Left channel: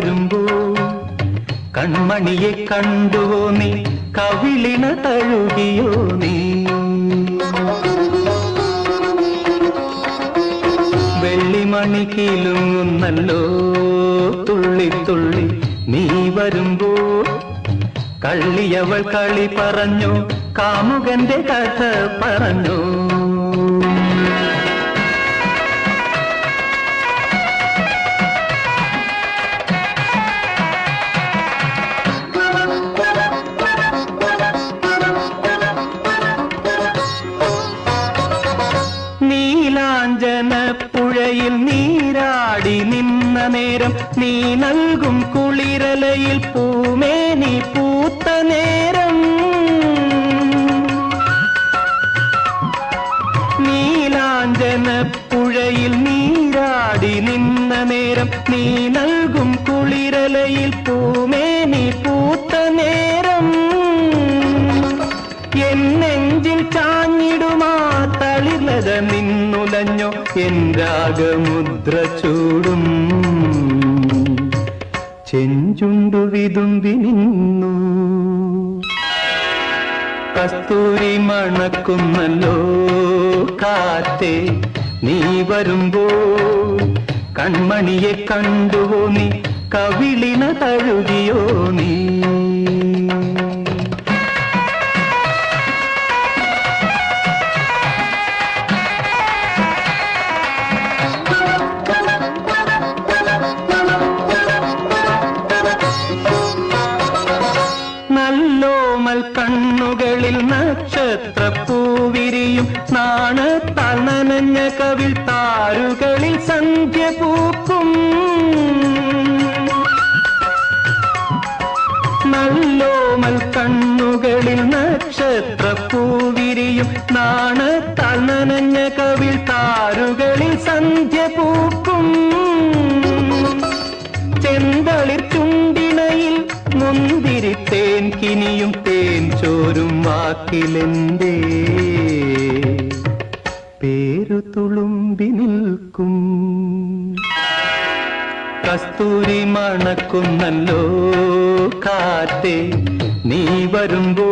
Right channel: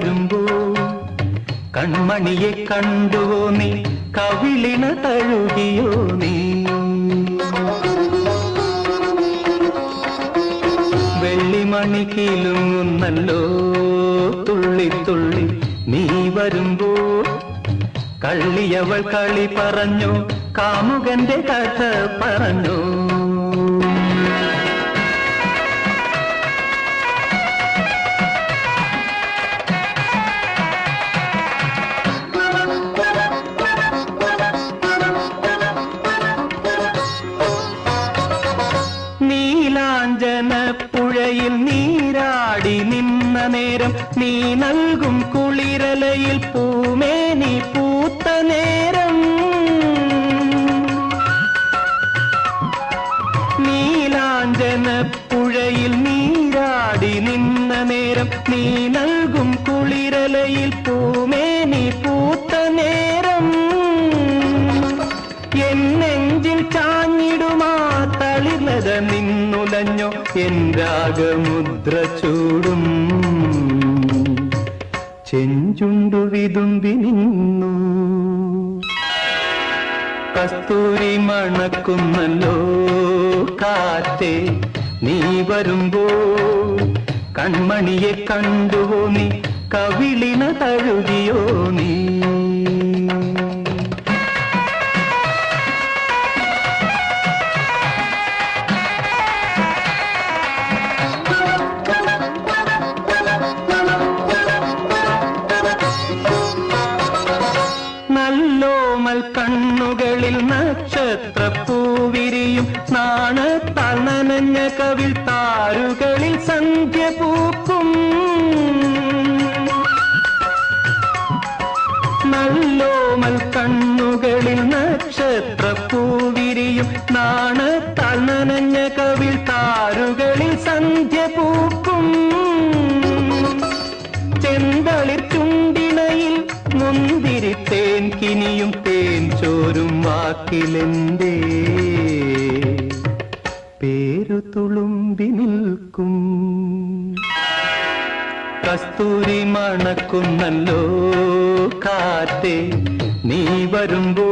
വരുമ്പോ കൺമണിയെ കണ്ടുവോ നീ, കവിളിണ തഴുകിയോ നീ. വെള്ളിമണി കീലുന്നല്ലോ തുള്ളി തുള്ളി നീ വരുമ്പോ. കള്ളിയവൾ കളി പറഞ്ഞു, കാമുകന്റെ കഥ പറഞ്ഞു. നീലാഞ്ജന പുഴയിൽ നീരാടി നിന്ന നേരം, നീ നൽകും കുളിരലയിൽ പൂമേനി പൂത്ത നേരം. നീലാഞ്ജന പുഴയിൽ നീരാടി നിന്ന നേരം, നീ നൽകും കുളിരലയിൽ പൂമേനി പൂത്ത നേരം. എൻ നെഞ്ചിൽ ചാഞ്ഞിടുമാ തളിർലത നിന്നുലഞ്ഞോ, എൻ രാഗമുദ്ര ചൂടും ചെഞ്ചുണ്ടു വിതുമ്പി നിന്നു. കസ്തൂരി മണക്കുന്നല്ലോ കാറ്റേ നീ വരുമ്പോ. കൺമണിയെ കണ്ടുവോ നീ, കവിളിന തഴുകിയോ നീ. നല്ലോമൽ കണ്ണുകളിൽ നക്ഷത്രപ്പൂവിരിയും, നാണത്താൽ നനഞ്ഞ കവിൾ താരുകളിൽ സന്ധ്യ പൂക്കും. നല്ലോമൽ കണ്ണുകളിൽ നക്ഷത്രപ്പൂവിരിയും, നാണത്താൽ നനഞ്ഞ കവിൾ താരുകളിൽ സന്ധ്യ പൂക്കും. ചെന്തളിർ ചുണ്ടിണയിൽ മുന്തിരിത്തേൻ കിനിയും, തേൻ ചോരും വാക്കിലെന്തേ പേരു തുളുമ്പി നിൽക്കും. കസ്തൂരി മണക്കുന്നല്ലോ കാറ്റേ നീ വരുമ്പോ.